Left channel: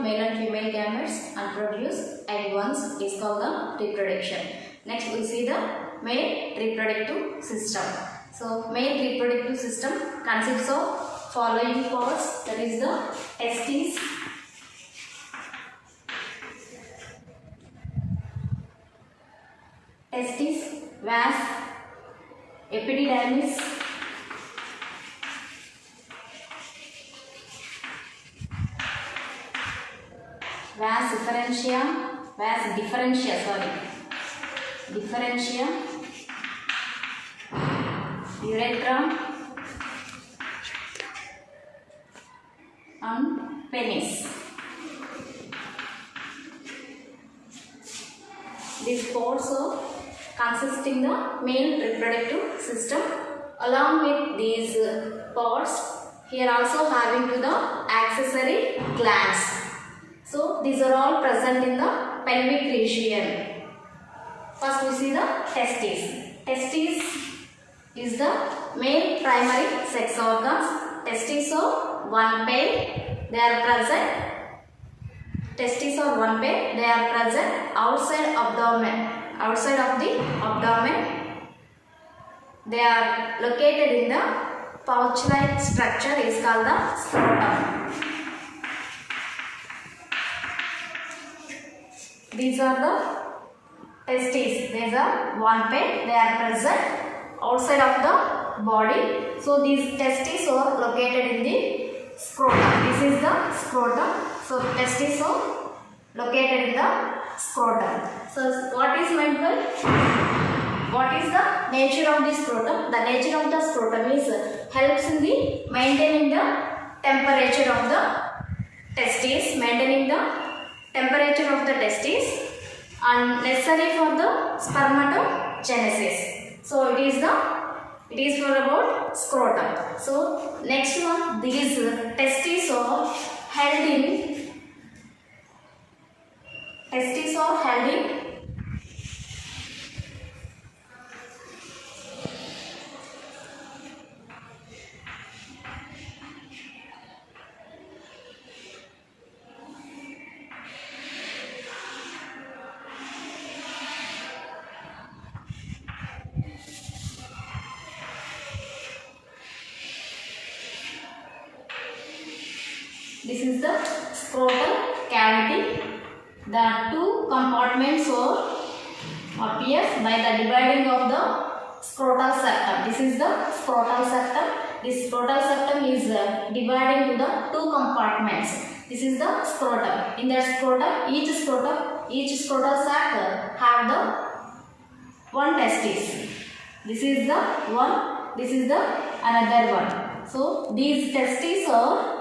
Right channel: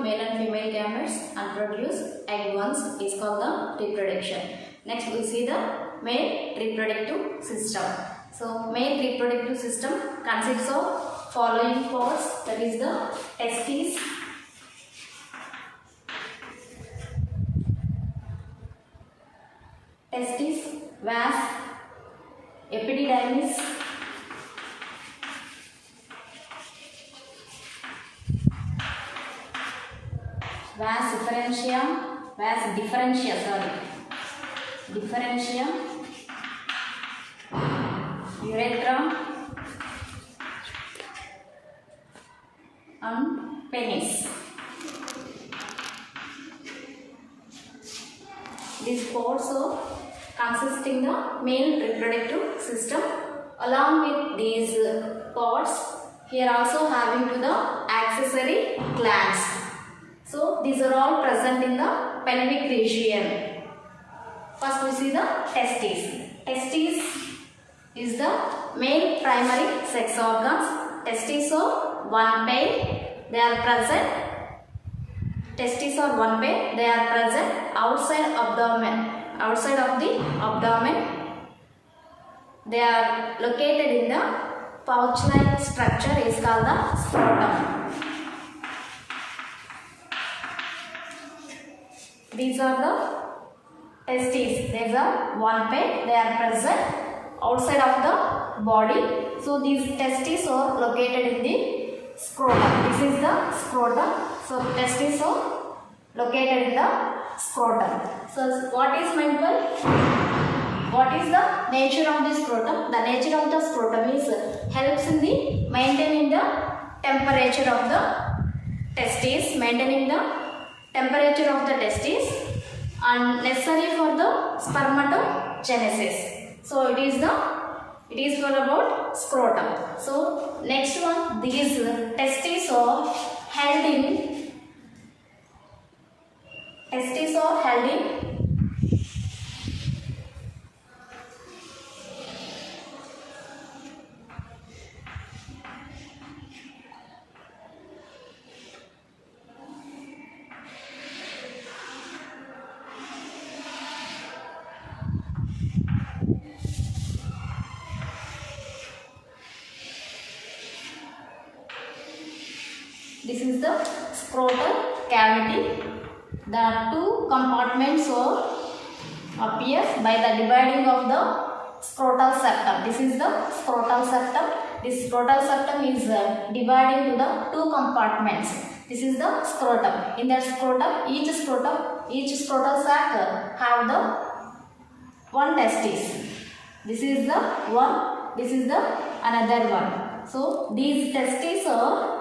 of male and female gametes and produce egg ones is called the reproduction. Next we see the male reproductive system. So male reproductive system consists of following parts, that is the testes, vas, epididymis, vas differentia, urethra and penis. These parts consist in the male reproductive system. Along with these parts, here also having to the accessory glands. So these are all present in the pelvic region. First we see the testes. Testes is the male primary sex organs. Testes are one pair. They are present. Testes are one pair. They are present outside abdomen. Outside of the abdomen. They are located in the pouch-like structure is called the scrotum. These are the testes. These are one pair. They are present outside of the body. So these testes are located in the scrotum. This is the scrotum. So testes are located in the scrotum. So what is mental? What is the nature of the scrotum? The nature of the scrotum is helps in the maintaining the temperature of the testes, maintaining the temperature of the testes, and necessary for the spermatogenesis. So it is for about scrotum. So next one, these testes are held in this is the scrotal cavity. The two compartments appear by the dividing of the scrotal septum. This is the scrotal septum. This scrotal septum is divided into the two compartments. This is the scrotum. In the scrotum, each scrotal sac have the one testis. This is the one. This is the another one. So these testes are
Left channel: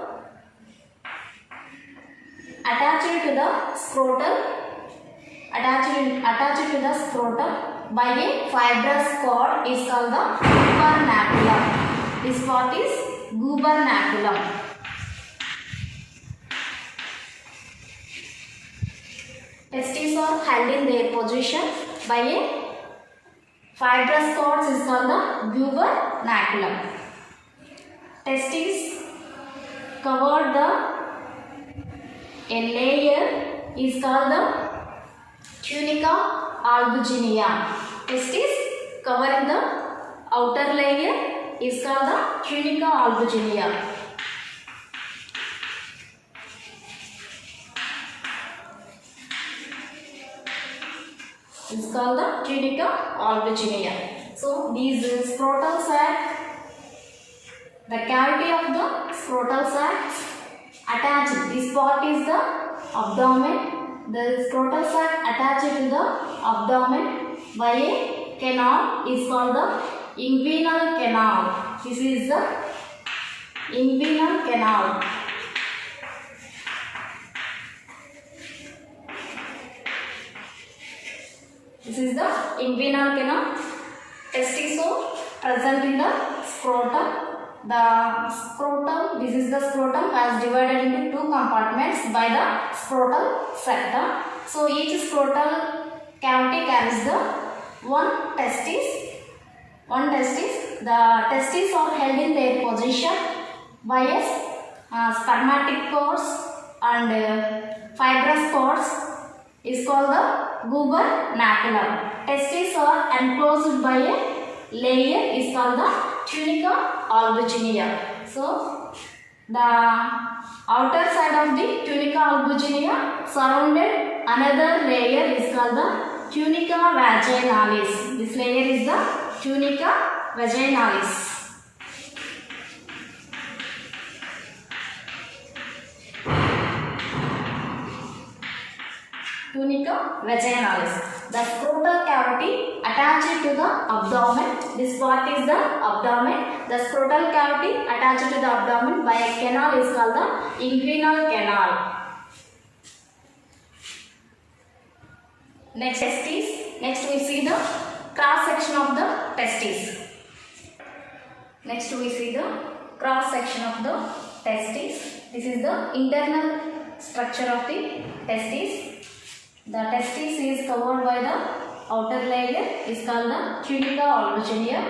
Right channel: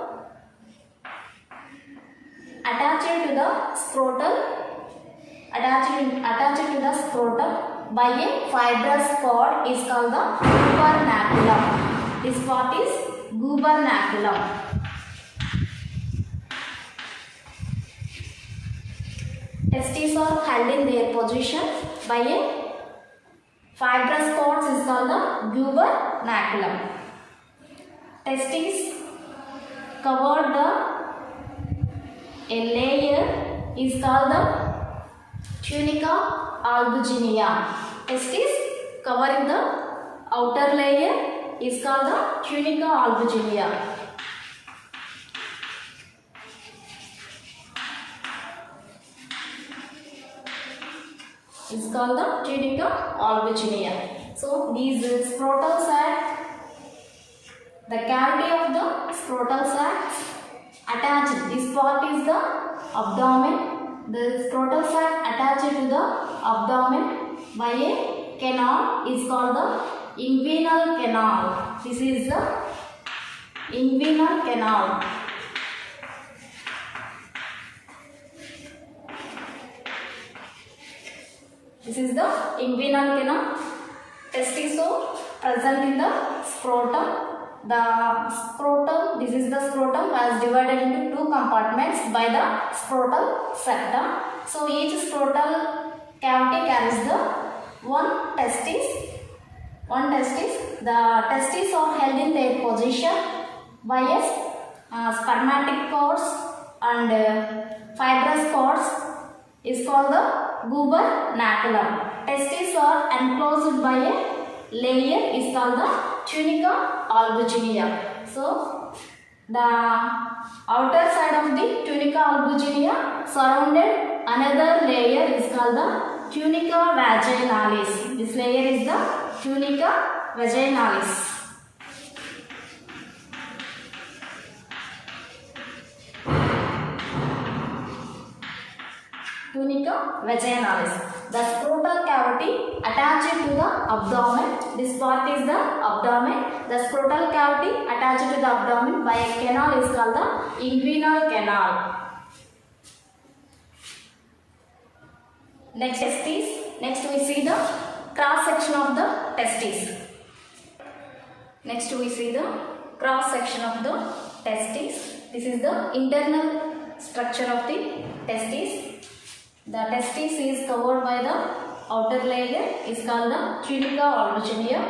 attached to the scrotum by a fibrous cord is called the gubernaculum. This part is gubernaculum. Testes are held in their position by a fibrous cord is called the gubernaculum. Testes covered a layer is called the tunica albuginea. Testes covering the outer layer is called the tunica albuginea. It's called the tunica albuginea. So these scrotal sac, the cavity of the scrotal sac attached. This part is the abdomen. The scrotal sac attached to the abdomen by a canal is called the inguinal canal. This is the inguinal canal. This is the inguinal canal. Testes are present in the scrotum. The scrotum, this is the scrotum, as divided into two compartments by the scrotal septum. So each scrotal cavity carries the one testis. The testes are held in their position by a spermatic cords and fibrous parts is called the gubernaculum. Testes are enclosed by a layer is called the tunica albuginea. So the outer side of the tunica albuginea surrounded another layer is called the tunica vaginalis. This layer is the tunica vaginalis. Tunica vaginalis. The scrotal cavity attached to the abdomen. This part is the abdomen. The scrotal cavity attached to the abdomen by a canal is called the inguinal canal. Next testes. Next we see the cross section of the testes. Next we see the cross section of the testes. This is the internal structure of the testes. The testis is covered by the outer layer is called the tunica albuginea.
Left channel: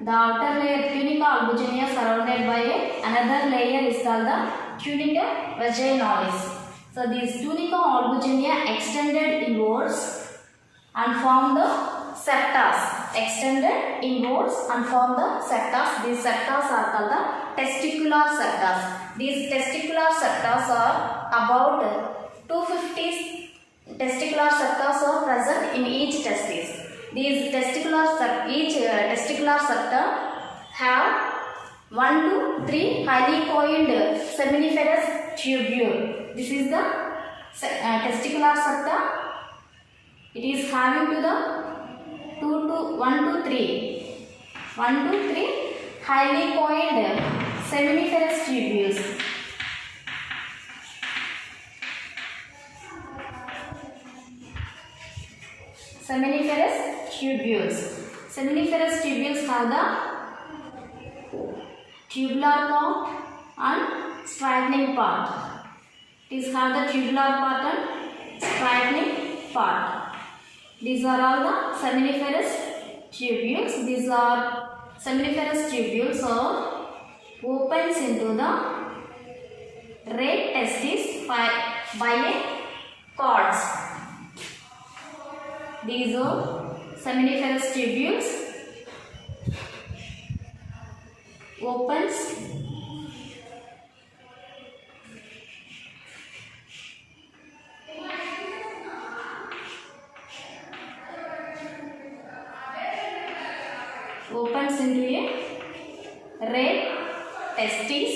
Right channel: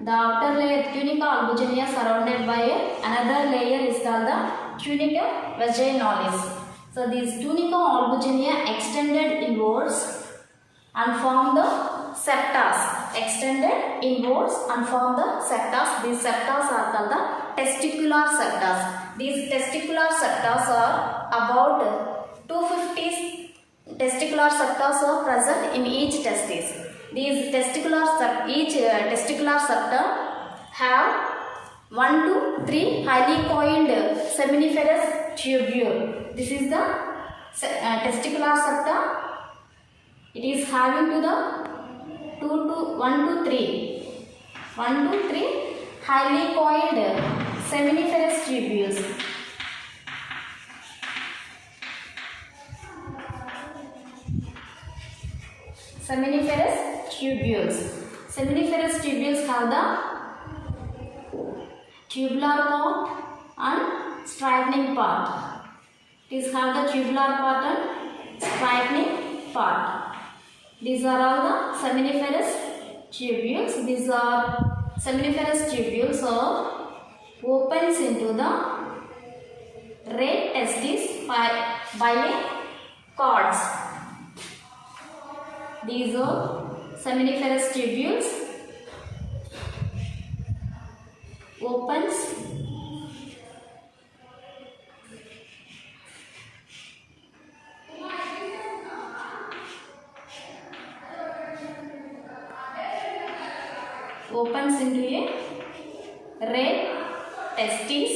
The outer layer tunica albuginea surrounded by another layer is called the tunica vaginalis. So these tunica albuginea extended inwards and form the septas. Extended inwards and form the septas. These septas are called the testicular septas. These testicular septas are about 250 testicular septa are present in each testis. These each testicular septa have 1 to 3 highly coiled seminiferous tubule. This is the testicular septa. It is having to the 1 to 3 highly coiled seminiferous tubules. Seminiferous tubules. Seminiferous tubules have the tubular part and straightening part. These have the tubular part and straightening part. These are all the seminiferous tubules. These are seminiferous tubules are opens into the red testis by a cords. These are seminiferous tubules opens into a red testis.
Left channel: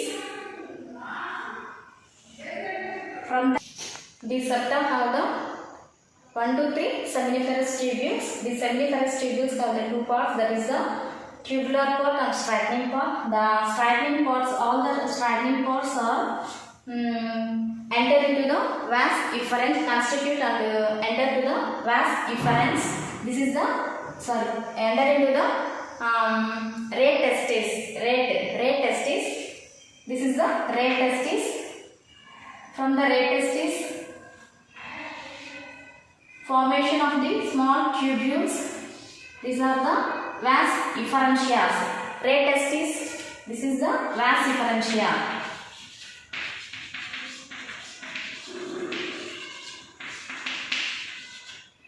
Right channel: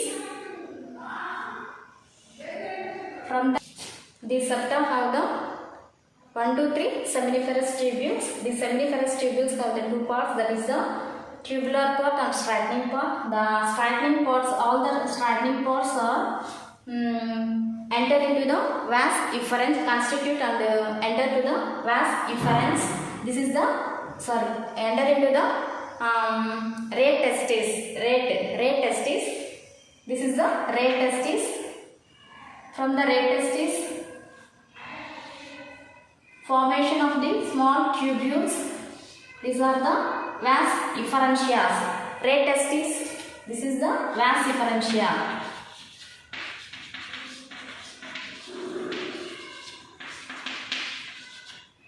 From the septum have the 1 to 3 seminiferous tubules. These seminiferous tubules have the two parts, that is the tubular part and straightening part. The straightening parts, all the straightening parts are enter into the vas efferents, constitute and enter to the vas efferents. This is the enter into the red testis. Red testis. This is the red testis. From the red testis, formation of the small tubules. These are the vas efferentias. Red testis. This is the vas efferentia.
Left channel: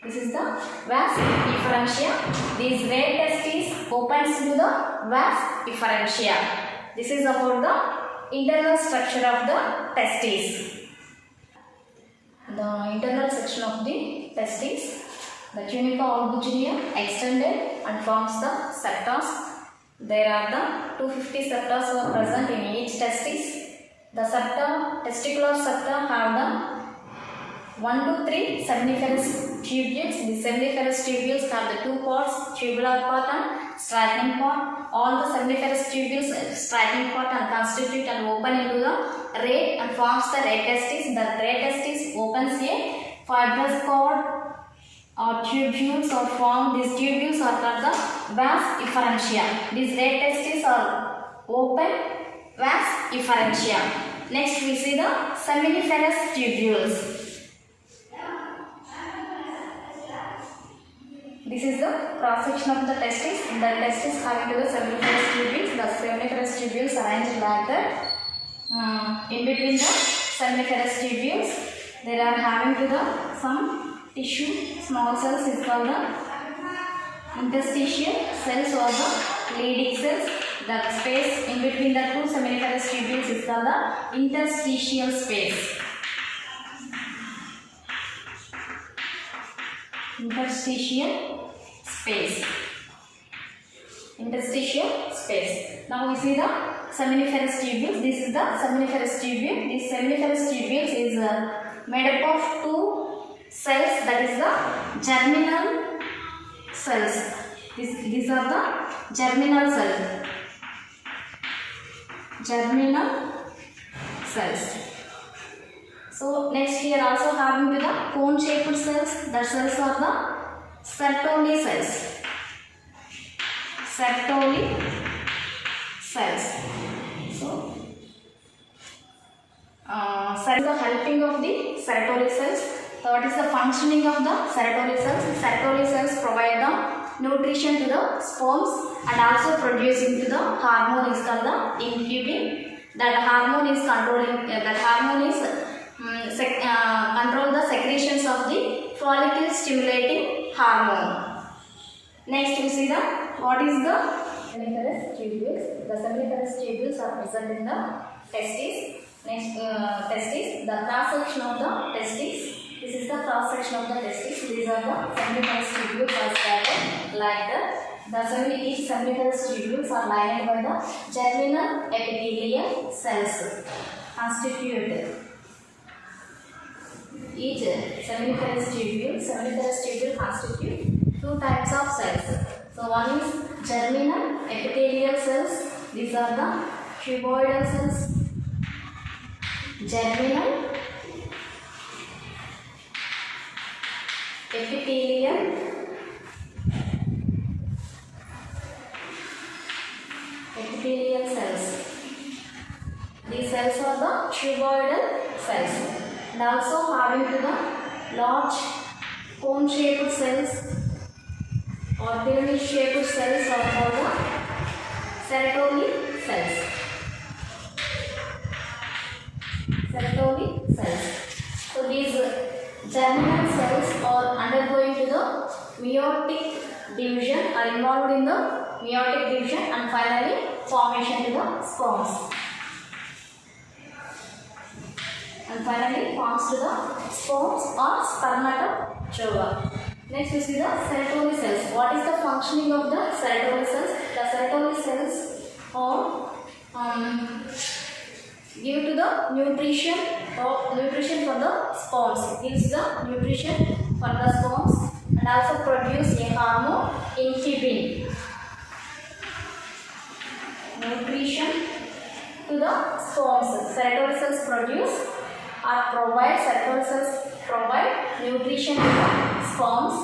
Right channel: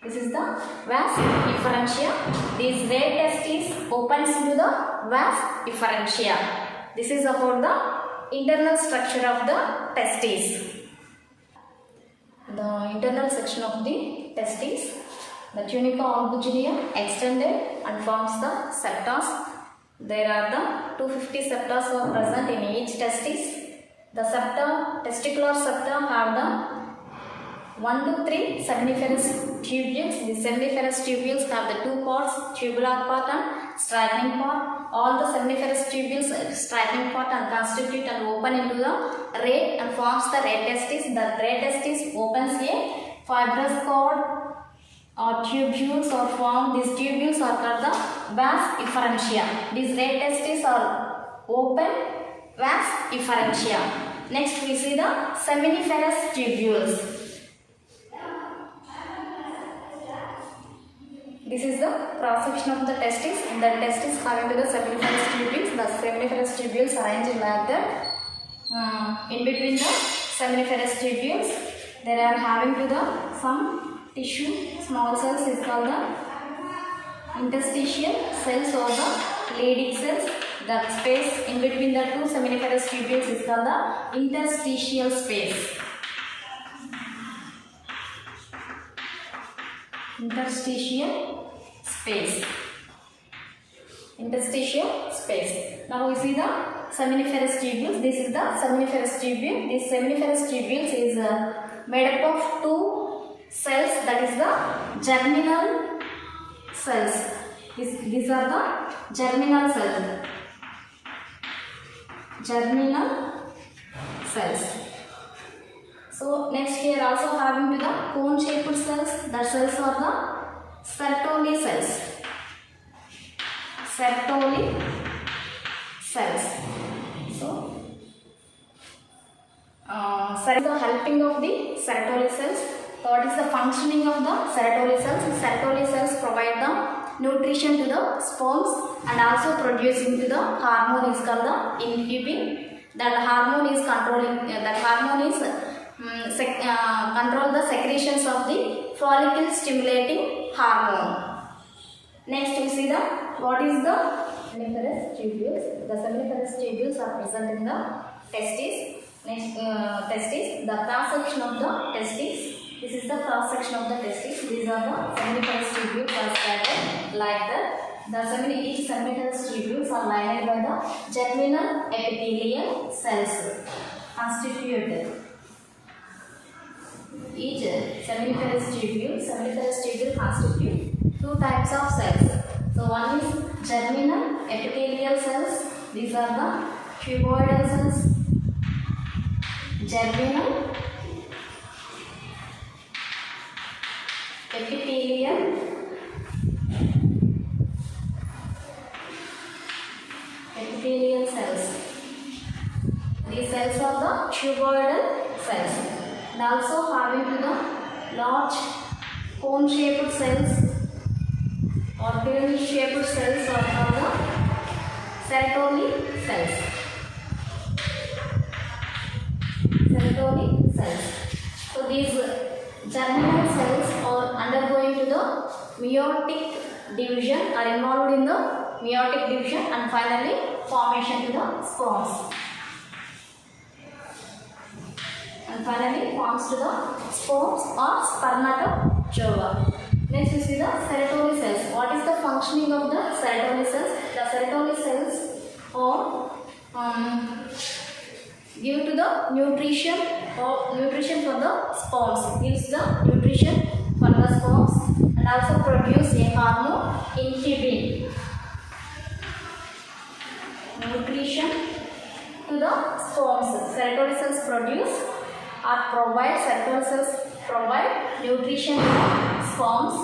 This is the vas efferentia. These red testes opens into the vas efferentia. This is about the internal structure of the testes. The internal section of the testes. The tunica albuginea extended and forms the septas. There are the 250 septas are present in each testis. The septa, testicular septa have the 1 to 3 seminiferous tubules. The seminiferous tubules have the two parts, tubular part and straightening part. All the seminiferous tubules, straightening part and constitute and open into the red and forms the red testis. The red testis opens a fibrous cord or tubules are formed. These tubules are called the vas efferentia. These red testes are open vas efferentia. Next we see the seminiferous tubules. This is the cross section of the testis. In the testis having to the seminiferous tubules. The seminiferous tubules arranged like that. In between the seminiferous tubules. They are having to the some tissue small cells is called the interstitial cells or the leading cells. The space in between the two seminiferous tubules is called the interstitial space. Interstitial space. Interstitial space. Now we see the seminiferous tubules. This is the seminiferous tubule. This seminiferous tubules is made up of two cells, that is the germinal cells. These are the germinal cells. Germinal cells. So next here also having to the cone shaped cells. The cells are the Sertoli cells. Sertoli cells. So the helping of the Sertoli cells. Third is the functioning of the Sertoli cells. Sertoli cells provide the nutrition to the sperms and also producing to the hormone is called the inhibin. That hormone is controlling. Control the secretions of the follicle stimulating hormone. Next we see the what is the seminiferous tubules. The seminiferous tubules are present in the testes. Next testis, the cross section of the testis. This is the cross section of the testis. These are the seminiferous tubules are scattered like that. Each seminiferous tubules are lined by the germinal epithelial cells constituted. Each seminiferous tubule constitute two types of cells. So one is germinal epithelial cells. These are the cuboidal cells. Germinal epithelial cells. These cells are the cuboidal cells. And also having to the large cone shaped cells or pyramid shaped cells are called the Sertoli cells. Sertoli cells. So these germinal cells are undergoing to the meiotic division, are involved in the meiotic division and finally formation to the sperms. And finally forms to the sperms or spermatozoa. Next we see the Sertoli cells. What is the functioning of the Sertoli cells? The Sertoli cells are give to the nutrition for the sperms. Gives the nutrition for the sperms and also produce a hormone inhibin. Nutrition to the sperms. Sertoli cells produce or provide nutrition to the sperms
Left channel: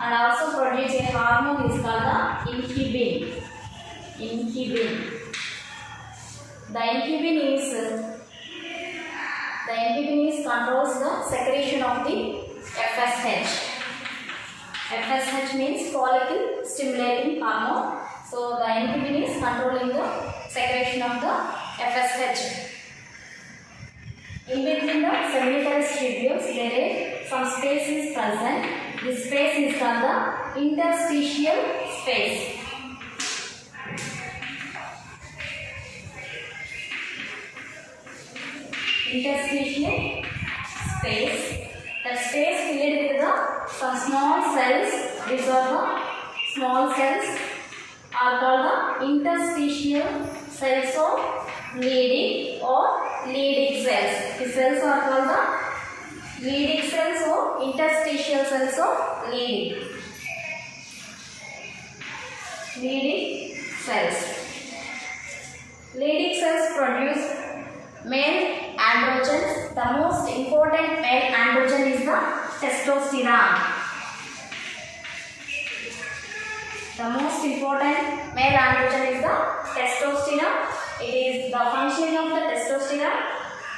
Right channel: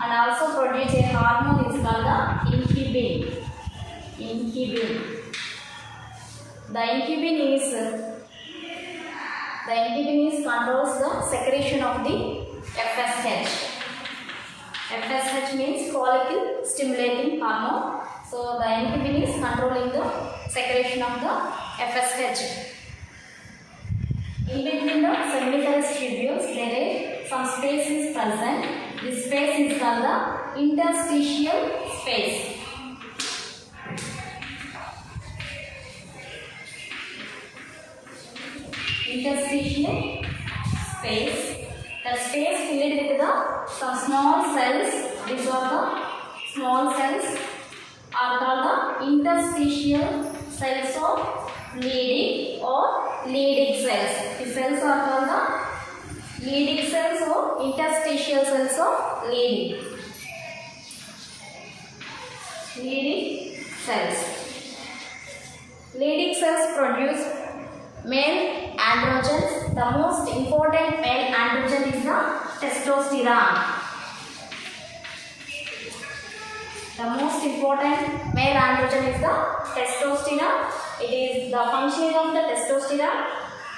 and also produce a hormone is called the inhibin. The inhibin controls the secretion of the FSH. FSH means follicle stimulating hormone. So the inhibin is controlling the secretion of the FSH. In between the seminiferous tubules, there is some space is present. This space is called the interstitial space. Interstitial space. The space filled with the some small cells. These are the small cells are called the interstitial cells of leading or leading cells. The cells are called the leading cells or interstitial cells of leading. Leading cells. Leading cells produce male androgens. The most important male androgen is the testosterone. The most important male androgen is the testosterone. It is the functioning of the testosterone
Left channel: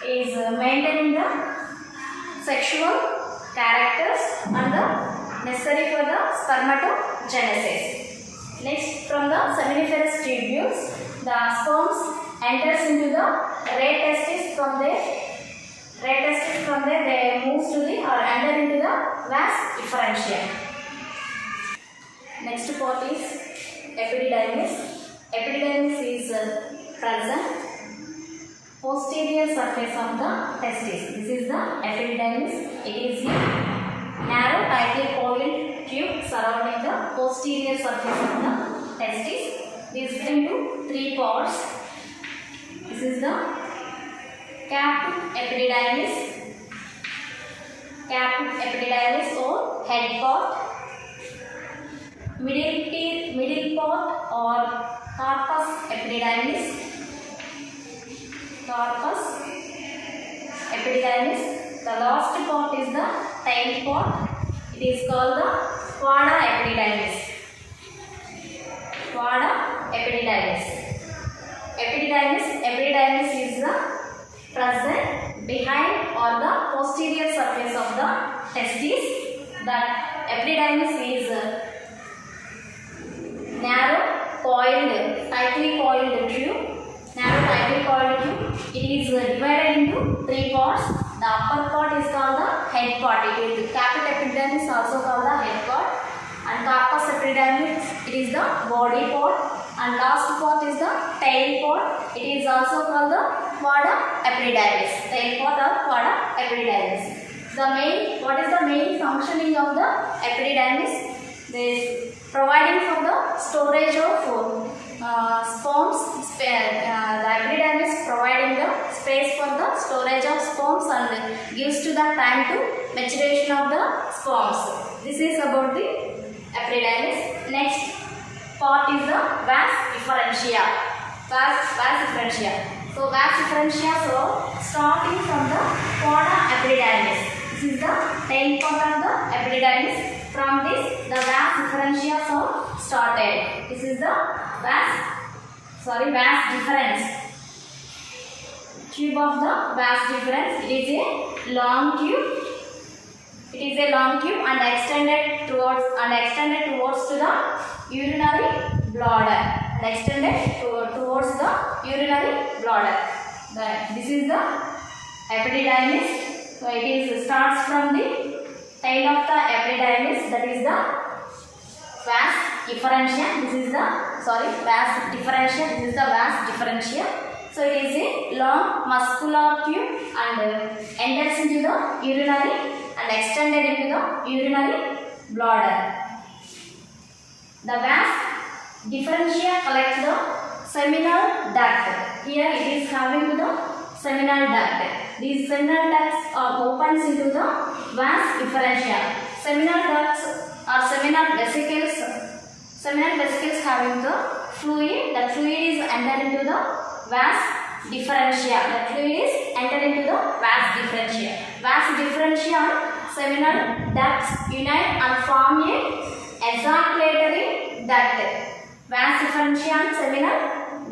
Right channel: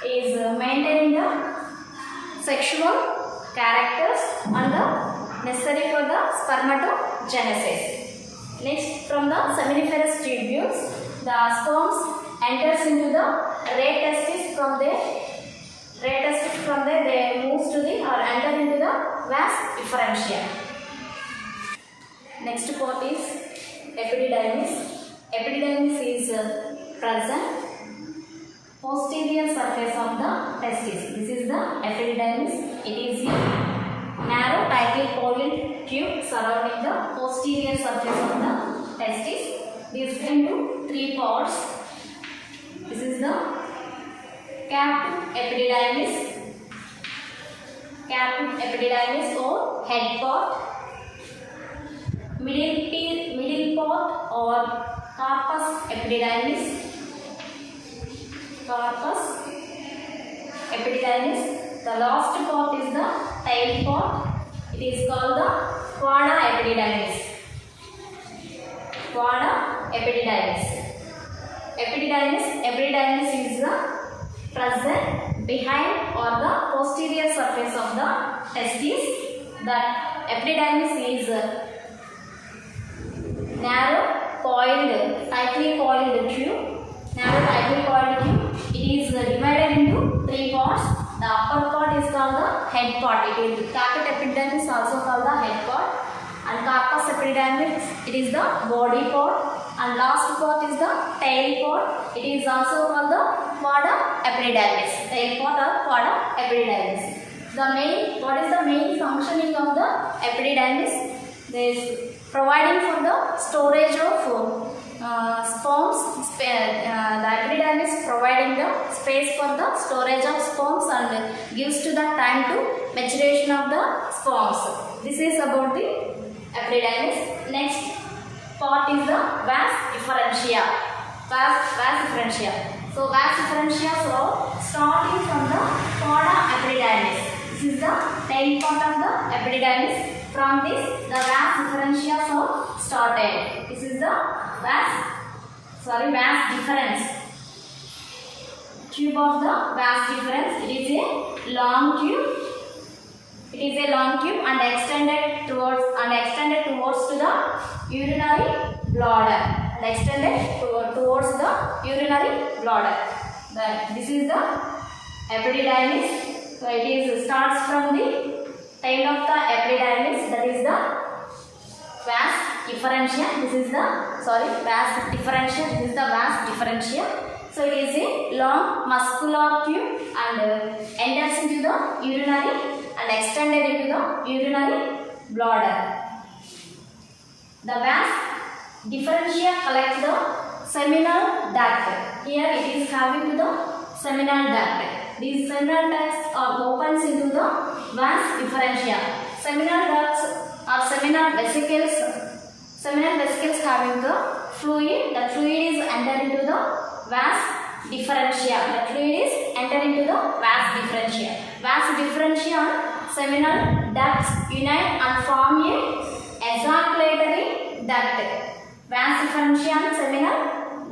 is maintaining the sexual characters and the necessary for the spermatogenesis. Next, from the seminiferous tubules, the sperms enters into the ray testis from there Red testes from there they move to the or enter into the vas efferentia. Next part is epididymis. Epididymis is present posterior surface of the testis. This is the epididymis. It is a narrow tightly coiled tube surrounding the posterior surface of the testis. This is into three parts. This is the caput epididymis or head part, middle part or corpus epididymis, the last part is the tail part. It is called the quada epididymis. Epididymis is the present behind or the posterior surface of the testis. The epididymis is tightly coiled tube. It is divided into three parts. The upper part is called the head part. Caput epididymis is also called the head part. And corpus epididymis, it is the body part. And last part is the tail part. It is also called the quada epididymis. Tail part or quada epididymis. What is the main functioning of the epididymis? There is providing for the storage of sperms. The epididymis providing the space for the storage of sperms and gives to the time to maturation of the sperms. This is about the epididymis. Next part is the vas efferentia. So vas efferentia, so starting from the quada epididymis. This is the tail part of the epididymis. From this, the vas efferentia so started. This is the vas deferens. Tube of the vas deferens. It is a long tube. And extended towards to the urinary bladder. This is the epididymis. So it starts from the tail of the epididymis, that is the vas efferentia. This is the vas differentia. This is the vas differentia. So it is a long muscular tube and enters into the urinary and extended into the urinary bladder. The vas differentia collects the seminal duct. Here it is having the seminal duct. These seminal ducts are opens into the vas efferentia. Seminal ducts are seminal vesicles. Seminal vesicles having the fluid. The fluid is entered into the vas differentia. Vas differentia and seminal ducts unite and form a ejaculatory duct. Vas differentia and seminal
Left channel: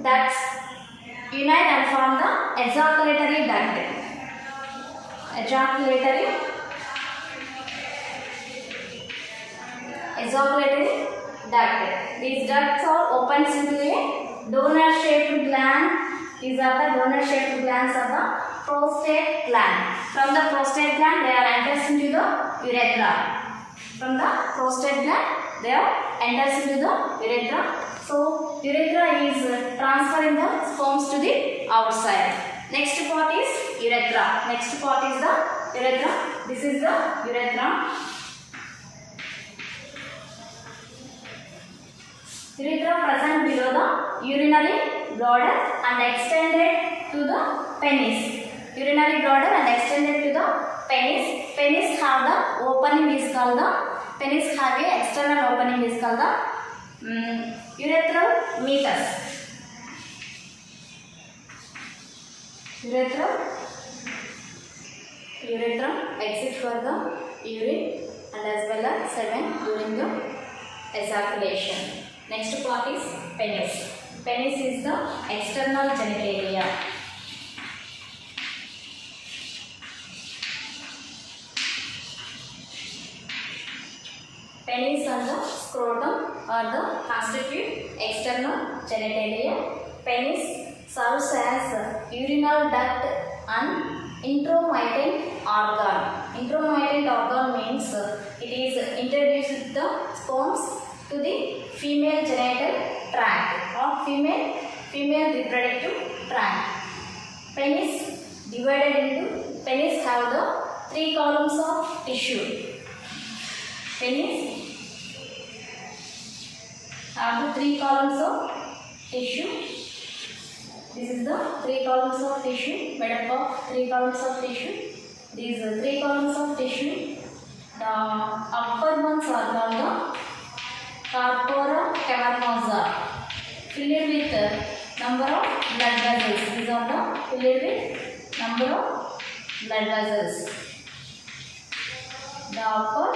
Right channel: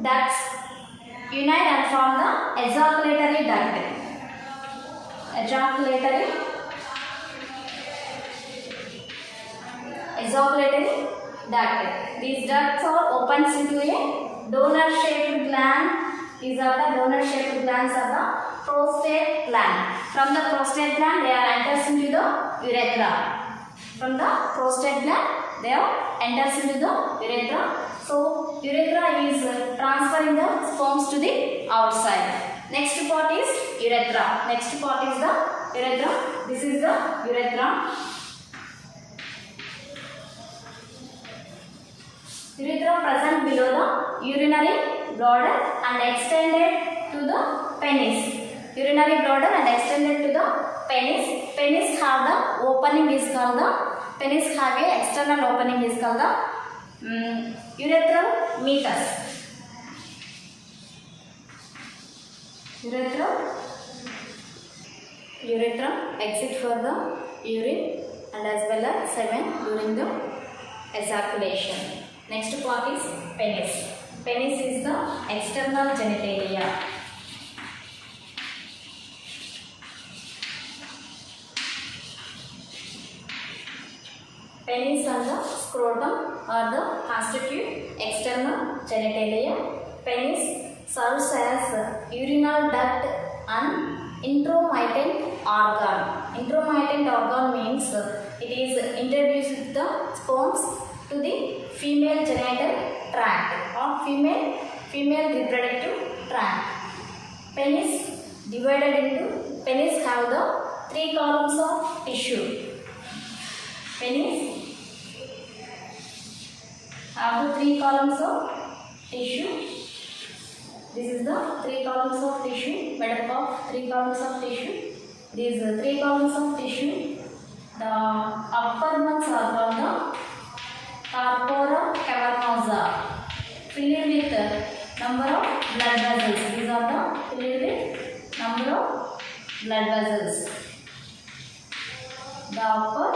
ducts unite and form the ejaculatory duct. These ducts are opens into a donor-shaped gland. These are the donor-shaped glands of the prostate gland. From the prostate gland, they are enters into the urethra. So urethra is transferring the sperms to the outside. Next part is urethra. This is the urethra. Urethra present below the urinary bladder and extended to the penis. Penis have the opening is called the external opening is called the urethral meatus. Urethra exit for the urine and as well as semen during the ejaculation. Next part is penis. Penis is the external genitalia. Penis and the scrotum are the constitute external genitalia. Penis serves as urinal duct and intromittent organ. Intromittent organ means it is introduced with the sperms to the female genital tract or female reproductive tract. Penis divided into, penis have the 3 columns of tissue. Penis have the 3 columns of tissue. This is the 3 columns of tissue, made up of 3 columns of tissue. These 3 columns of tissue, the upper ones are called the corpora cavernosa, filled with number of blood vessels. These are the filled with number of blood vessels. The upper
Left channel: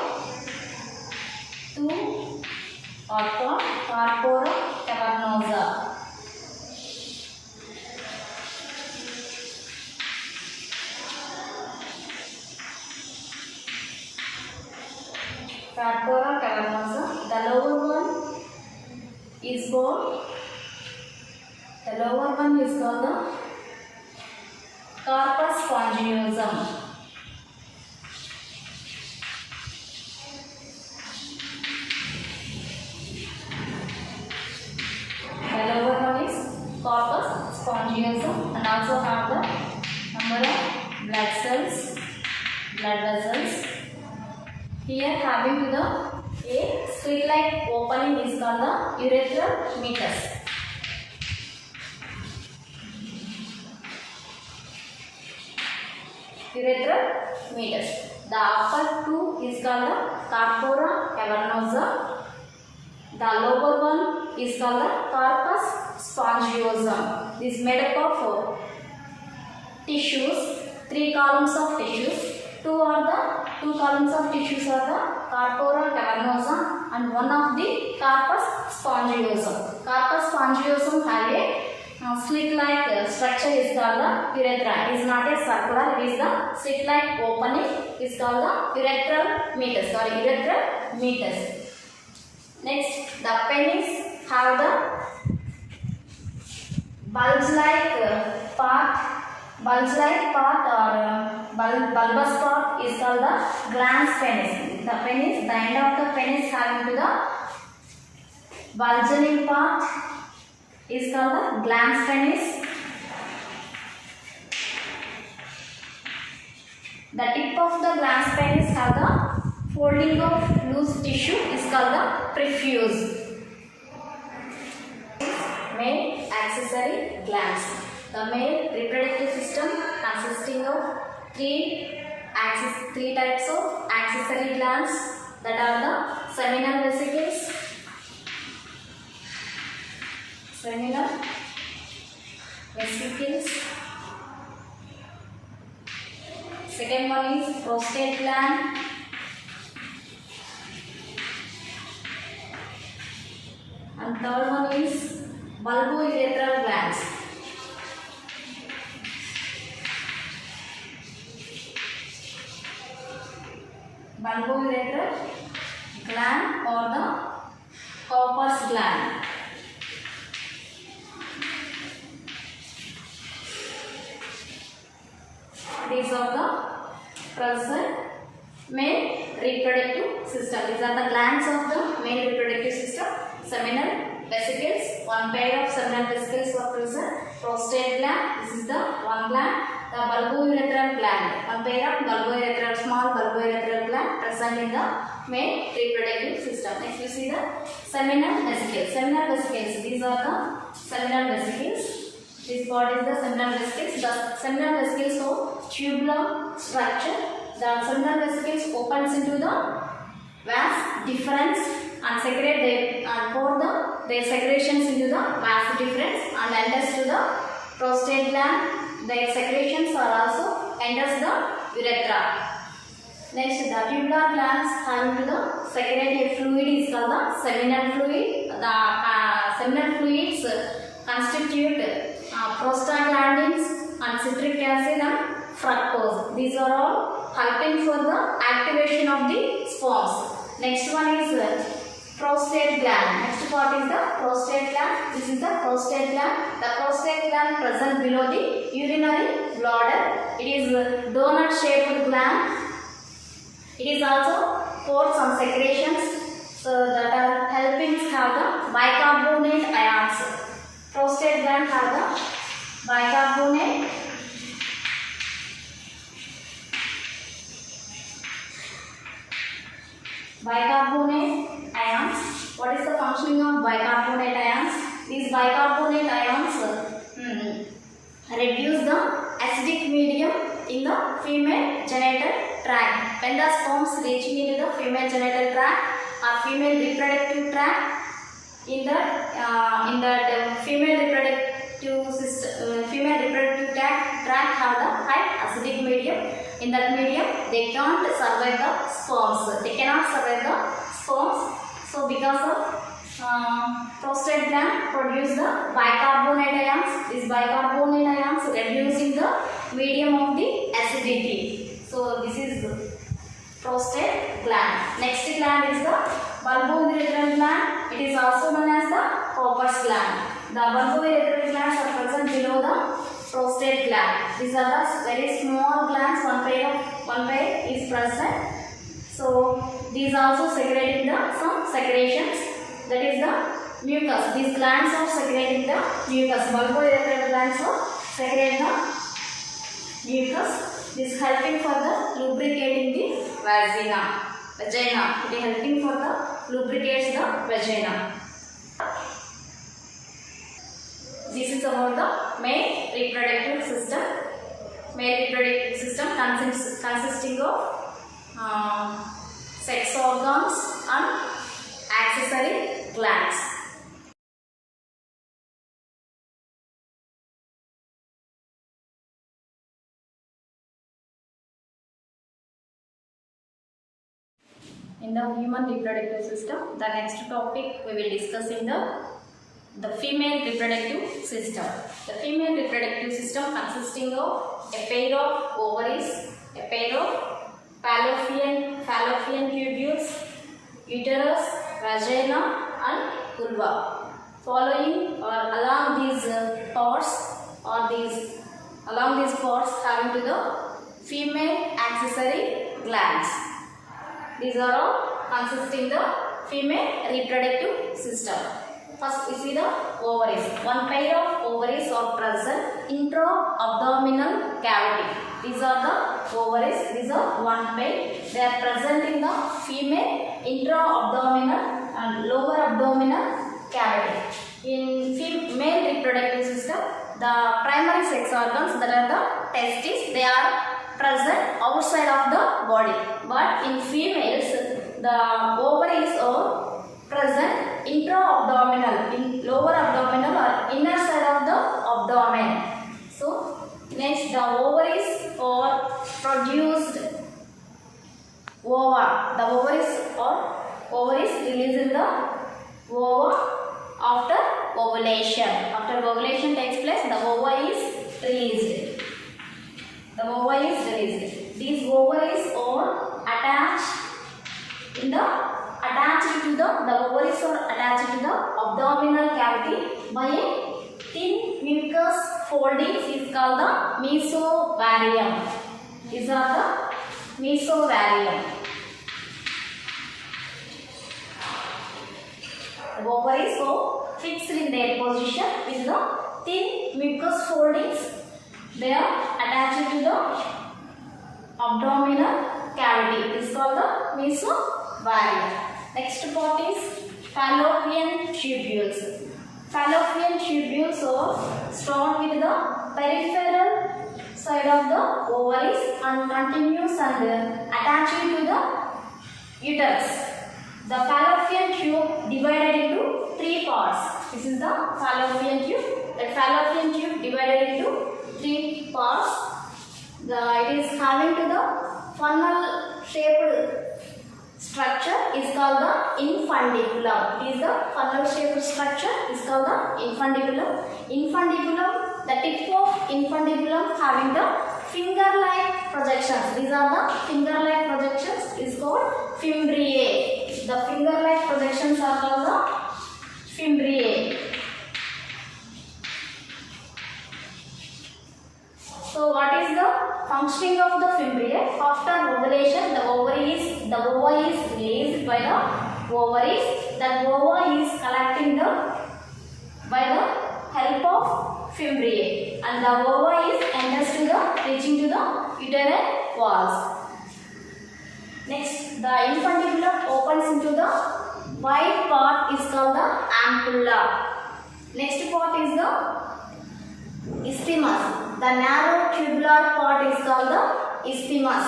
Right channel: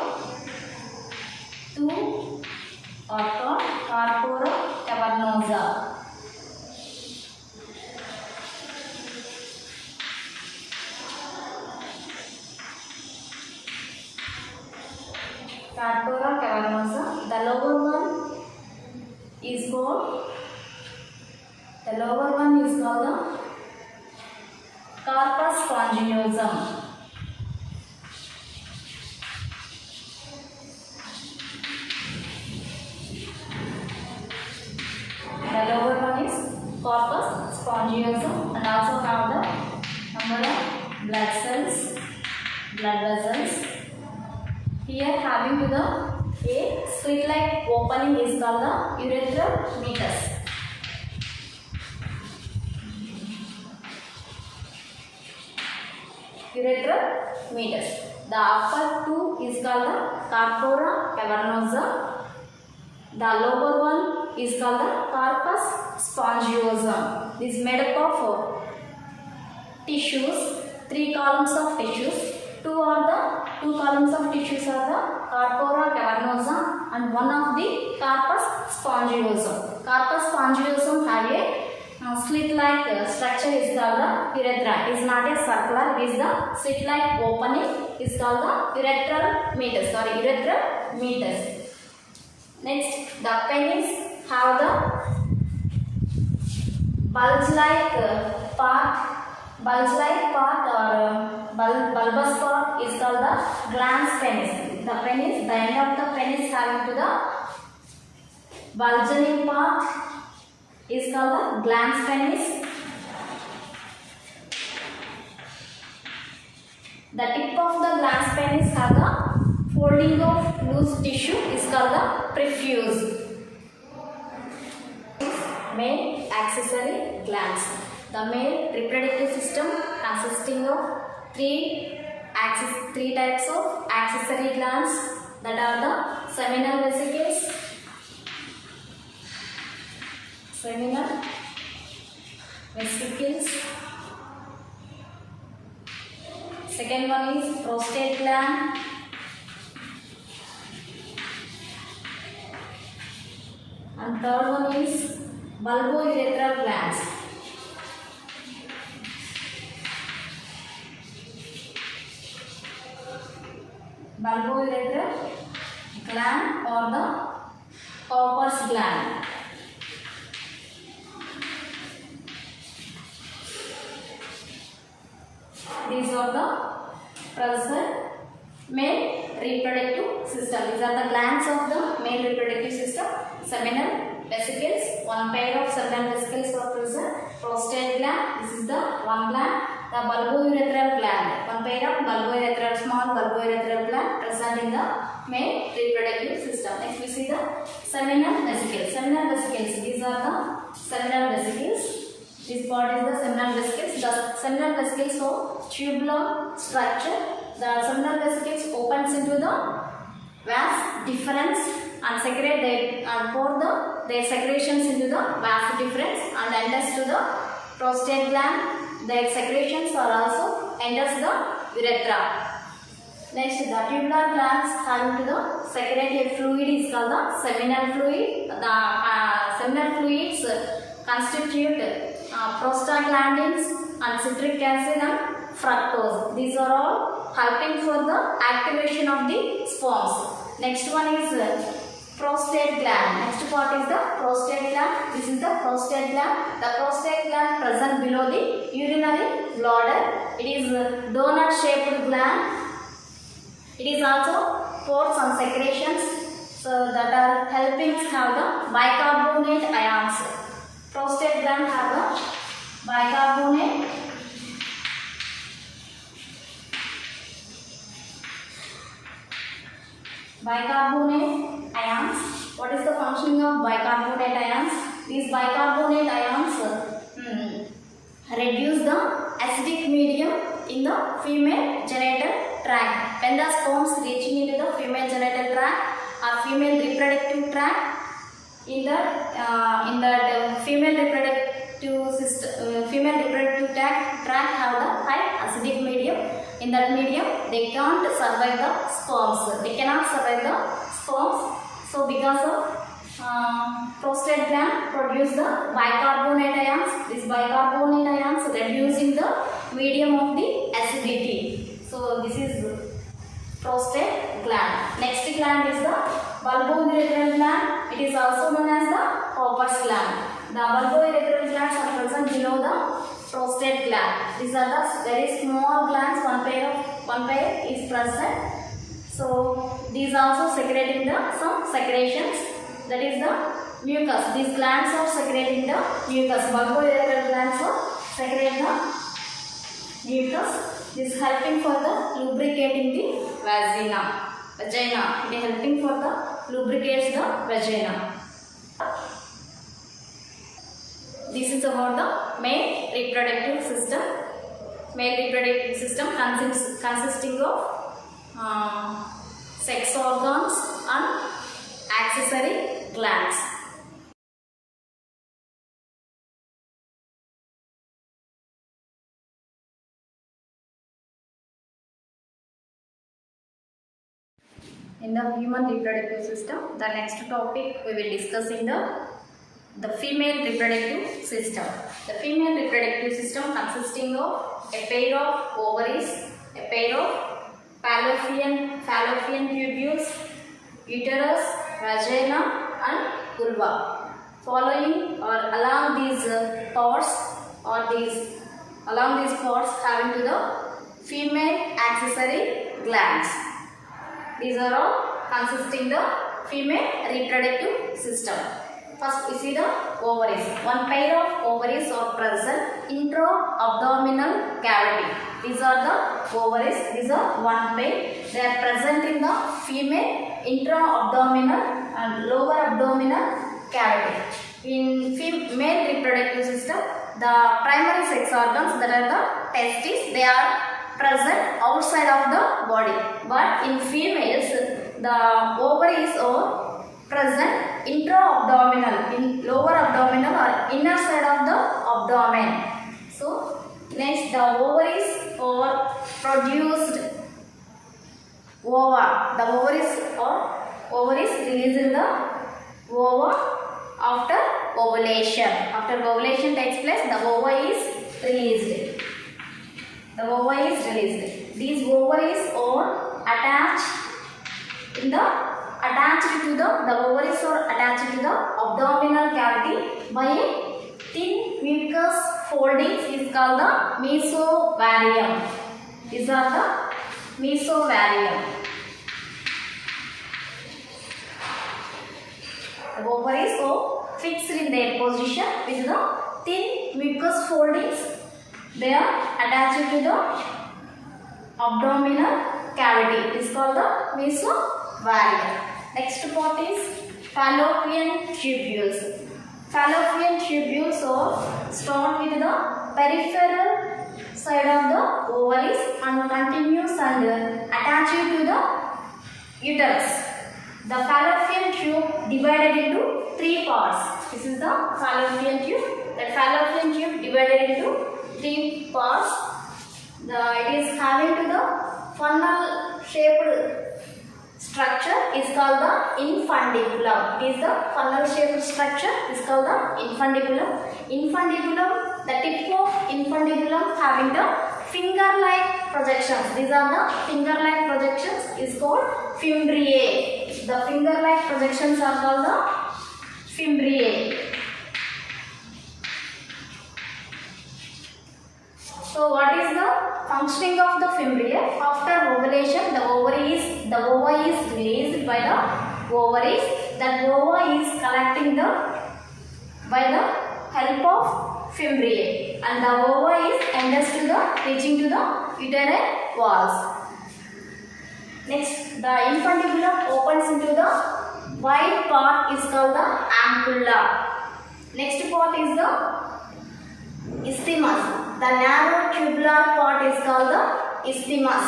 2 are called corpora cavernosa. Corpora cavernosa. The lower one is called the corpus spongiosum. The lower one is corpus spongiosum and also have the number of blood vessels. Here having to the a slit-like opening is called the urethral meatus. Urethral meatus. The upper 2 is called the corpora cavernosa. The lower one is called the corpus spongiosum. This is made up of tissues, 3 columns of tissues. 2 columns of tissues are the corpora cavernosa and one of the corpus spongiosum. Corpus spongiosum have a slit-like structure is called the urethra. It is not a circular, it is the slit-like opening is called the urethral meatus. Next, the penis have the bulge-like part or bulbous part is called the glans penis. The end of the penis having to the bulging part is called the glans penis. The tip of the glans penis have the folding of loose tissue is called the prepuce. Male accessory glands. The male reproductive system consisting of three types of accessory glands, that are the seminal vesicles, second one is prostate gland, and third one is bulbourethral glands. Bulbourethral gland or the corpus gland. These are the present male reproductive system. These are the glands of the male reproductive system. Seminal vesicles, one pair of seminal vesicles are present. Prostate gland, this is the one gland. The bulbourethral gland, one pair of bulbourethral, small bulbourethral gland present in the male reproductive system. Next we see the seminal vesicles. Seminal vesicles, these are the seminal vesicles. This part is the seminal vesicles. The seminal vesicles have tubular structure. The seminal vesicles opens into the vas deferens and secrete their secretions into the vas deferens and enters to the prostate gland. Their secretions are also enters the urethra. Next, the tubular glands having to the secrete a fluid is called the seminal fluid. The seminal fluids constitute prostaglandins and citric acid and fructose. These are all helping for the activation of the sperms. Next one is prostate gland. Next part is the prostate gland. This is the prostate gland. The prostate gland present below the urinary bladder. It is a donut shaped gland. It is also pour some secretions so that are helping have the bicarbonate ions. Prostate gland have the bicarbonate ions. What is the functioning of bicarbonate ions? These bicarbonate ions reduce the acidic medium in the female genital tract. When the sperms reaching into the female genital tract or female reproductive tract, in that female reproductive system, female reproductive tract have the high acidic medium. In that medium, they can't survive the sperms. They cannot survive the sperms. So, because of prostate gland produce the bicarbonate ions. These bicarbonate ions reducing the medium of the acidity. So, this is prostate gland. Next gland is the bulbourethral gland. It is also known as the Copper's gland. The bulbourethral glands are present below the prostate gland. These are the very small glands. One pair is present. So these also secreting some secretions. That is the mucus. These glands are secreting the mucus. Bulbourethral glands are secreting the mucus. This is helping for the lubricating the vagina. It is helping for the lubricates the vagina. This is about the male reproductive system. Male reproductive system consisting of sex organs and accessory glands. In the human reproductive system, the next topic we will discuss in the female reproductive system. The female reproductive system consisting of a pair of ovaries, a pair of fallopian tubules, uterus, vagina and vulva. Following or along these parts having to the female accessory glands. These are all consisting the female reproductive system. First, we see the ovaries. One pair of ovaries are present intra-abdominal cavity. These are the ovaries. These are one pair. They are present in the female intra-abdominal and lower abdominal cavity. In male reproductive system, the primary sex organs, that are the testes, they are present outside of the body. But in females, the ovaries are present intra-abdominal, in lower abdominal or inner side of the abdomen. So, next the ovaries are produced ova. The ovaries released in the ova after ovulation. After ovulation takes place, the ova is released. The ova is released. These ovaries are attached to the ovaries are attached to the abdominal cavity by a thin mucus foldings is called the mesovarium. These are the mesovarium. The ovaries are fixed in their position with the thin mucus foldings. They are attached to the abdominal cavity. It is called the mesovarium. Next part is fallopian tubules. Fallopian tubules are start with the peripheral side of the ovaries and continues and attached to the uterus. The fallopian tube divided into three parts. This is the fallopian tube. The fallopian tube divided into three parts. It is having to the funnel shaped structure is called the infundiculum. It is the funnel shaped structure is called the infundiculum. Infundiculum, the tip of infundiculum having the finger-like projections. These are the finger-like projections is called fimbriae. the finger-like projections are called the fimbriae. So what is the functioning of the fimbriae? After ovulation, the ova is released by the ovaries. That ova is collecting by the help of fimbriae, and the ova is enters to reaching to the uterine walls. Next, the infundibulum opens into the wide part is called the ampulla. Next part is the isthmus. The narrow tubular part is called the isthmus.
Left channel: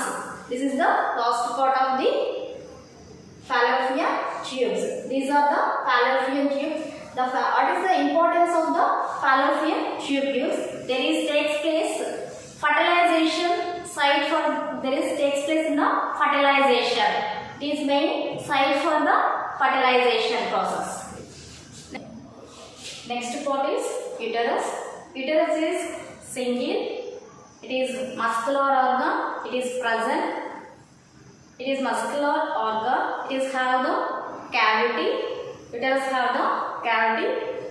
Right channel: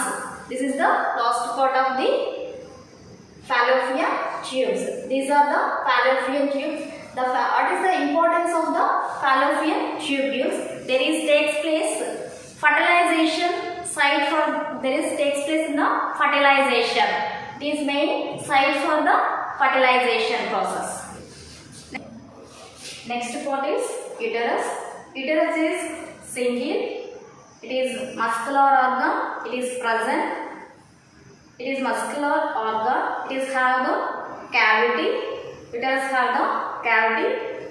This is the last part of the fallopian tubes. These are the fallopian tubes. What is the importance of the fallopian tubules? Takes place fertilization site for takes place in the fertilization. It is main site for the fertilization process. Next part is uterus. Uterus is single. It is muscular organ. It is present. It is muscular organ. It is have the cavity. Uterus have the cavity.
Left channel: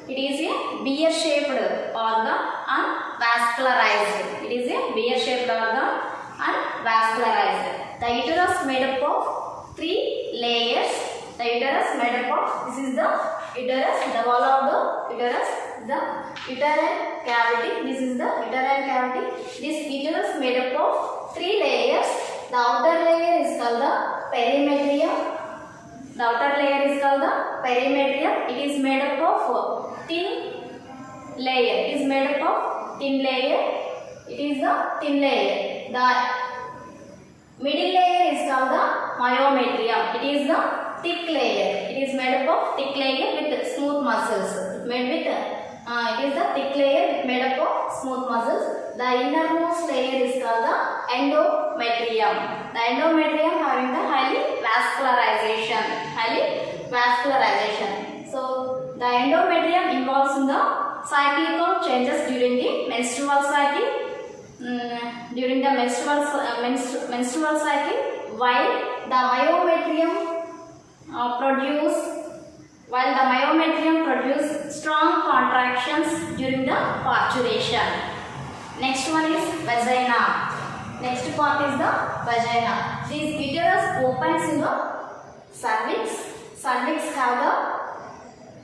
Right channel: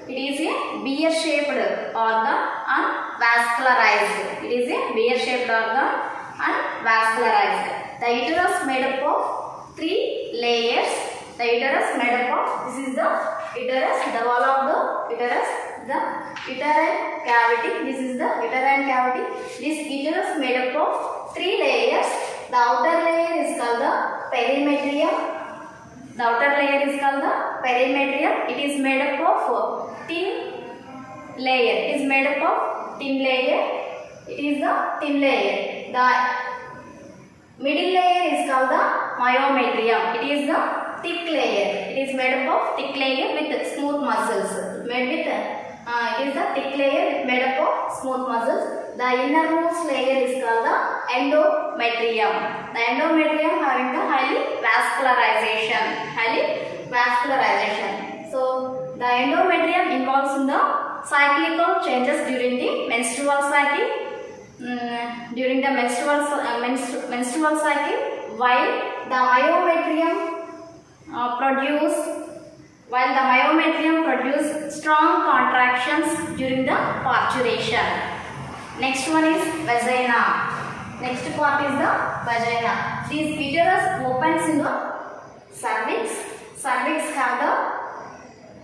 It is a beer-shaped organ and vascularized. It is a beer-shaped organ and vascularized. The uterus made up of 3 layers. The uterus made up of, this is the uterus, the wall of the uterus, the uterine cavity. This is the uterine cavity. This uterus made up of 3 layers. The outer layer is called the perimetrium. The outer layer is called the perimetrium. It is made up of thin layer. It is made up of thin layer. It is the thin layer. The middle layer is called the myometrium. It is the thick layer. It is made up of thick layer with smooth muscles. It is the thick layer made up of smooth muscles. The innermost layer is called the endometrium. The endometrium having the highly vascularization. So the endometrium involves in the cyclical changes during the menstrual cycle. During the menstrual cycle, while the myometrium produce strong contractions during the parturition. Next one is vagina. Next part is the vagina. This uterus opens in the cervix. Cervix have the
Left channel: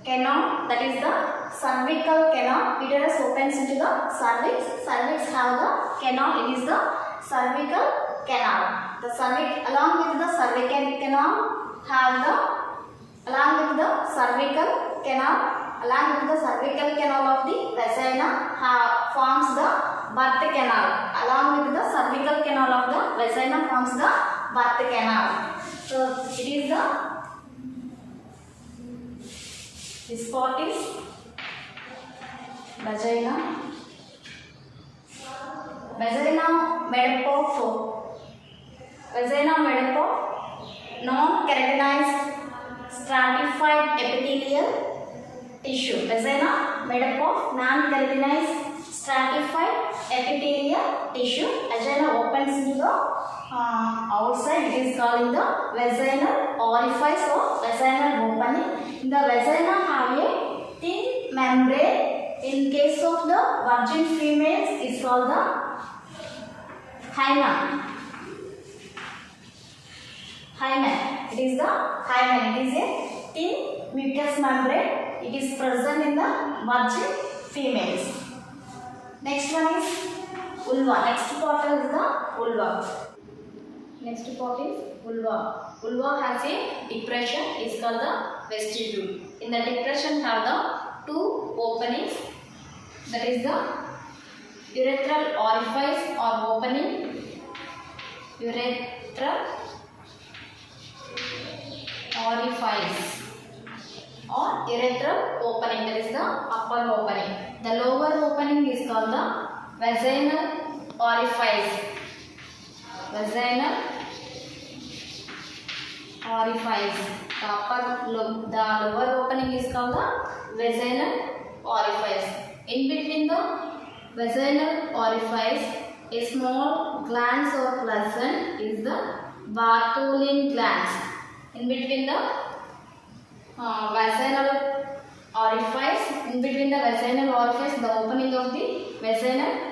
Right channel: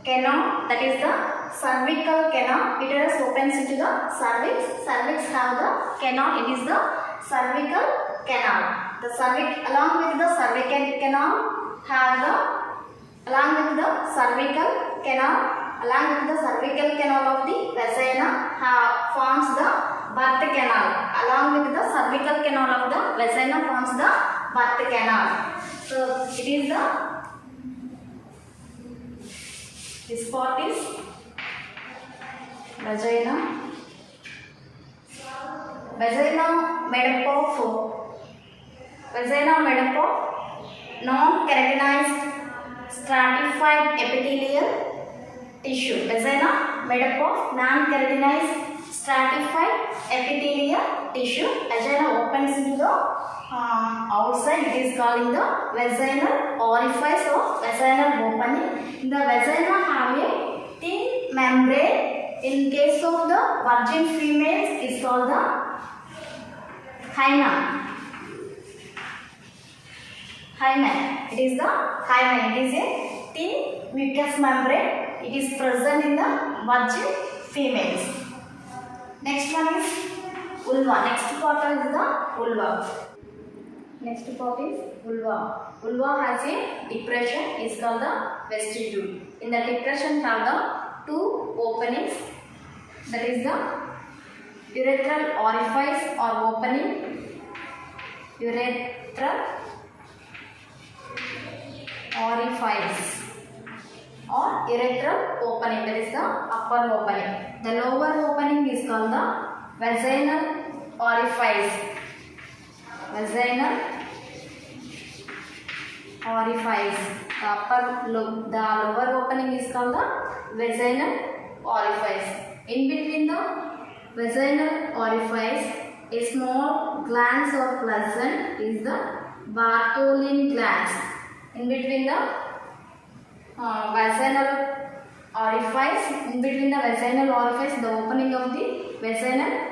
canal, that is the cervical canal. Uterus opens into the cervix. Cervix have the canal. It is the cervical canal. The cervix, along with the cervical canal, have the cervical canal of the vagina forms the birth canal. Along with the cervical canal of the vagina forms the birth canal. So it is this part is vagina. Vagina made up of non-keratinized stratified epithelial tissue. Vagina made up of non-keratinized stratified epithelial tissue. Vagina opens into the outside. It is called the vaginal orifice or vaginal opening. In the vagina have a thin membrane. In case of the virgin females, it is called the hymen. It is the hymen. It is a thin mucous membrane. It is present in the virgin females. Next one is vulva. Next part is the vulva. Next part is vulva. Vulva has a depression. It is called the vestibule. In the depression have the 2 openings. That is the urethral orifice or opening. Urethral orifice or urethral opening, that is the upper opening. The lower opening is called the vaginal orifice. Vaginal orifice. The lower opening is called the vaginal orifice. In between the vaginal orifice, a small glands or pleasant is the Bartholin glands. In between the vaginal orifice. In between the vaginal orifice, the opening of the vaginal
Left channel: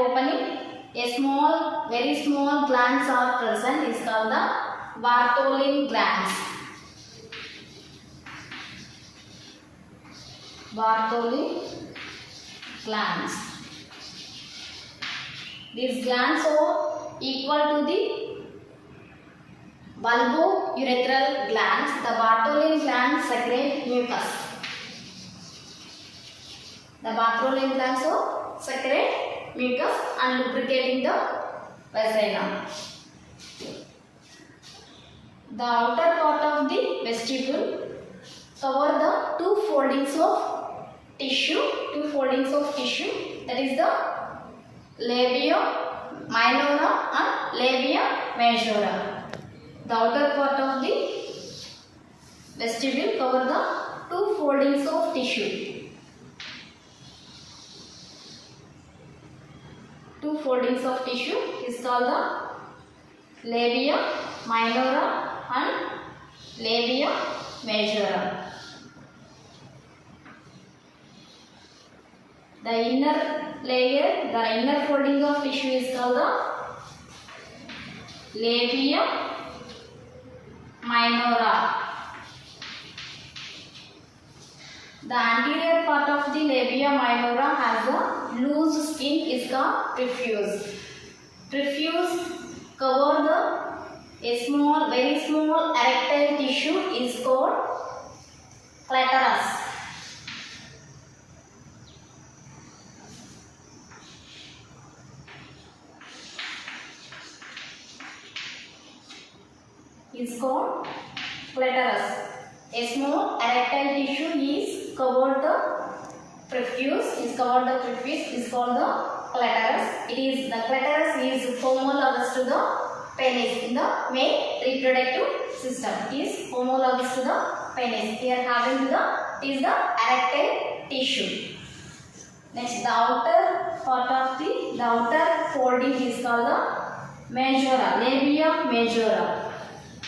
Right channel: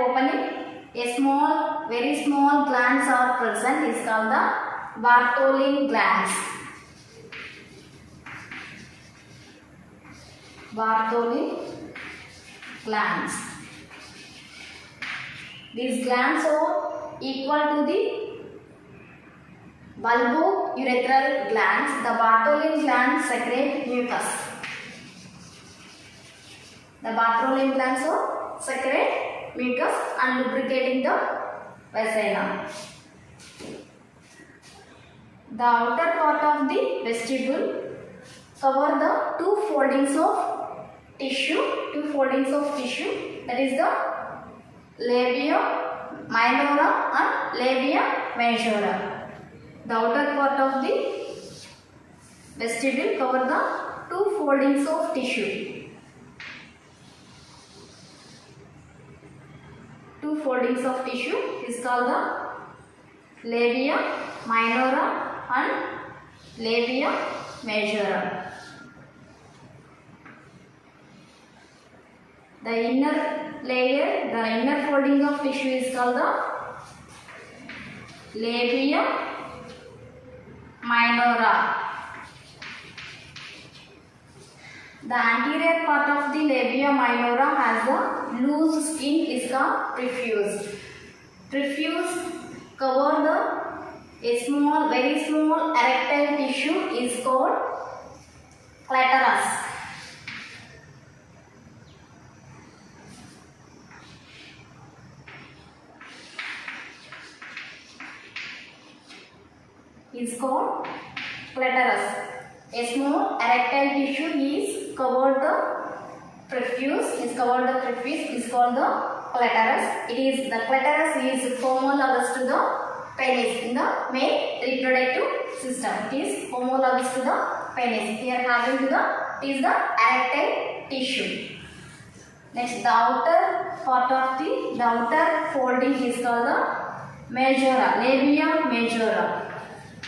opening, a small, very small glands are present, is called the Bartholin glands. Bartholin glands. These glands are equal to the bulbourethral glands. The Bartholin glands secrete mucus. The Bartholin glands secrete mucus and lubricating the vagina. The outer part of the vestibule cover the two foldings of tissue. That is the labia minora and labia majora. The outer part of the vestibule cover the two foldings of tissue. Two foldings of tissue is called the labia minora and labia majora. The inner layer, the inner folding of tissue is called the labia minora. The anterior part of the labia minora has a loose skin, is called prepuce. Prepuce cover the very small erectile tissue is called clitoris. Is called clitoris. A small erectile tissue is covered the prepuce. Is called the clitoris. The clitoris is homologous to the penis in the male reproductive system. It is homologous to the penis. Here having to the erectile tissue. Next, the outer part of the outer folding is called the majora, labia majora.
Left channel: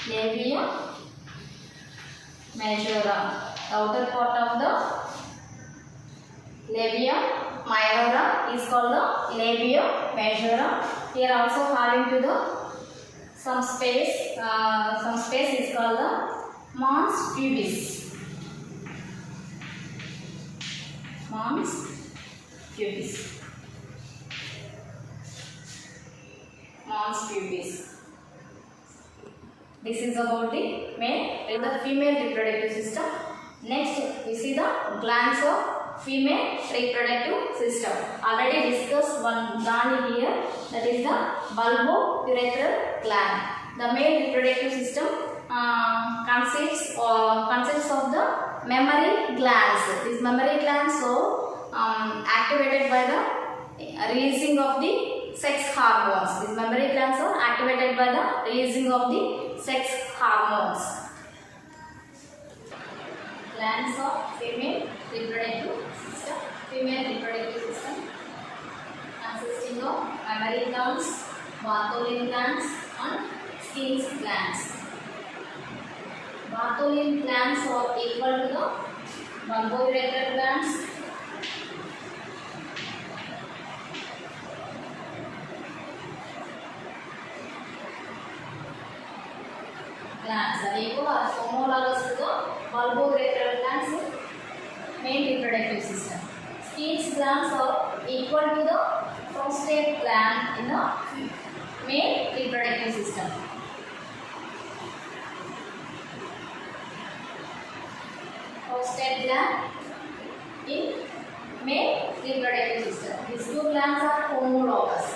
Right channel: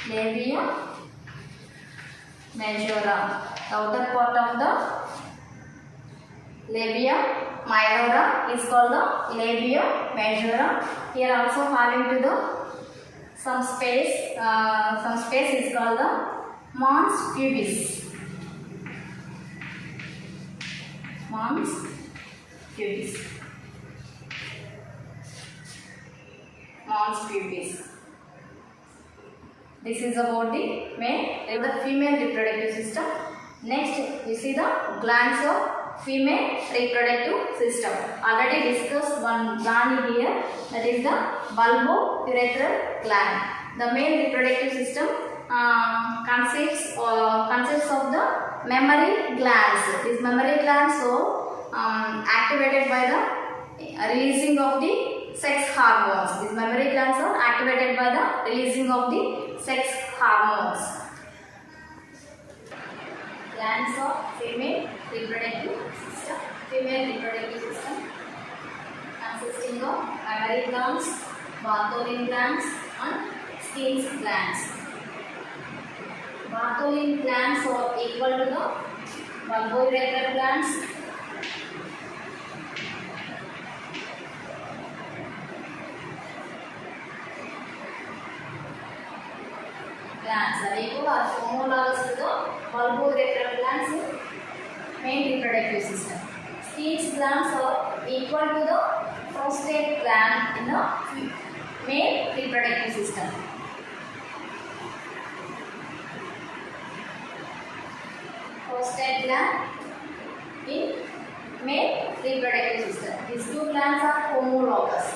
Labia majora. The outer part of the labia minora is called the labia majora. Here also having to the some space is called the mons pubis. Mons pubis. Mons pubis. This is about the male and the female reproductive system. Next, we see the glands of female reproductive system. Already discussed one gland here, that is the bulbourethral gland. The male reproductive system consists of the mammary glands. These mammary glands are activated by the releasing of the sex hormones. These mammary glands are activated by the releasing of the sex hormones. Glands of female reproductive system. Female reproductive system consisting of mammary glands, Bartholin glands and skin glands. Bartholin glands are equal to the bulbourethral glands. Glands are equal or homologous to the bulbourethral glands in male reproductive system. Skin glands are equal to the prostate gland in the male reproductive system. Prostate gland in male reproductive system. These two glands are homologous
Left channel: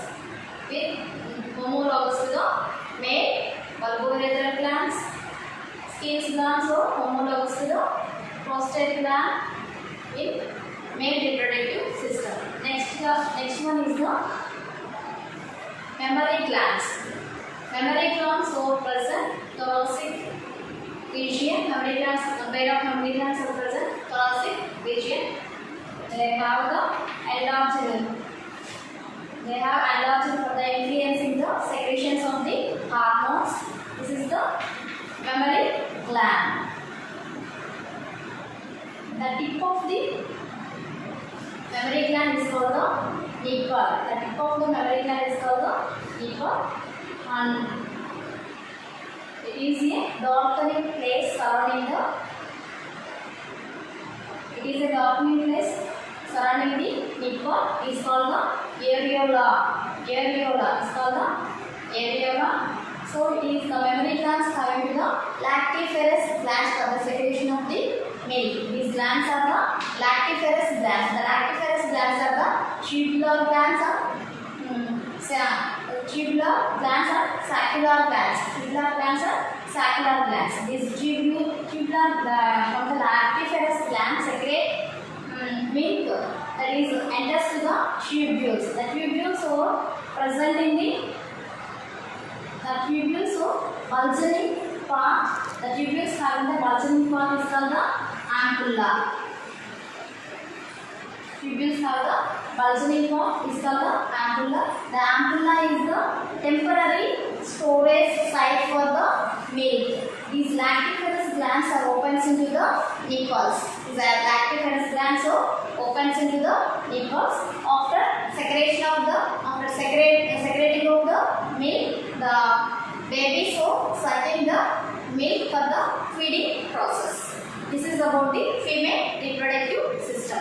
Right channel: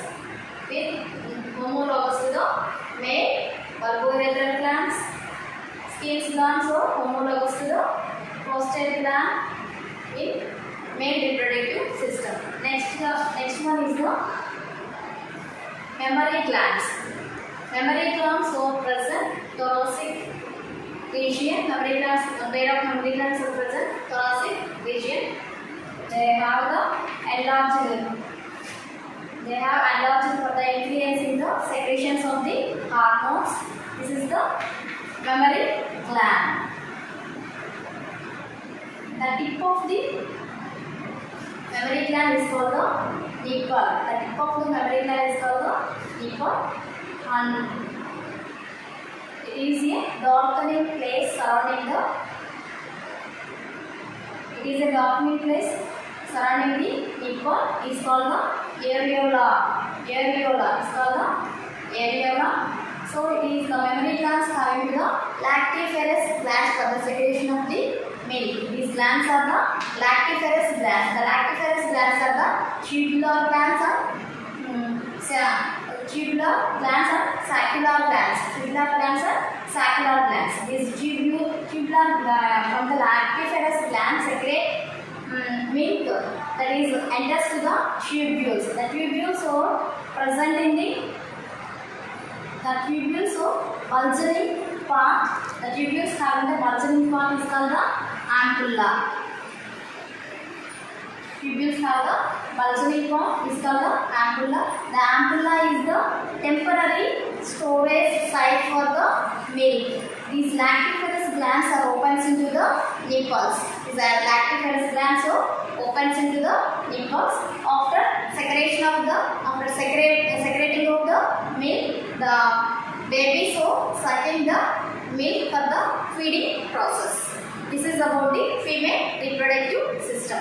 to the male bulbourethral glands. Skin glands are homologous to the prostate gland in male reproductive system. Next one is the mammary glands. Mammary glands are present thoracic region. Mammary glands are present thoracic region. They have enlarged for the influence in the secretions of the hormones. This is the mammary gland. The tip of the mammary gland is called the nipple. The tip of the mammary gland is called the nipple, and it is a darkening place surrounding the. It is a darkening place surrounding the nipple. It is called the areola. Areola is called the areola. So it is the mammary glands having the lactiferous glands for the secretion of the milk. These glands are the lactiferous glands. The lactiferous glands are the tubular glands or tubular glands or saccular glands. Tubular glands or saccular glands. These tubular from the lactiferous glands secrete milk that is enters to the tubules. The tubules are present in the tubules of bulging part. The tubules having the bulging part is called the ampulla. Tubules have the bulging part is called the ampulla. The ampulla is the temporary storage site for the milk. These lactiferous glands are opens into the nipples. These lactiferous glands are opens into the nipples. After secreting of the milk, the baby so sucking the milk for the feeding process. This is about the female reproductive system.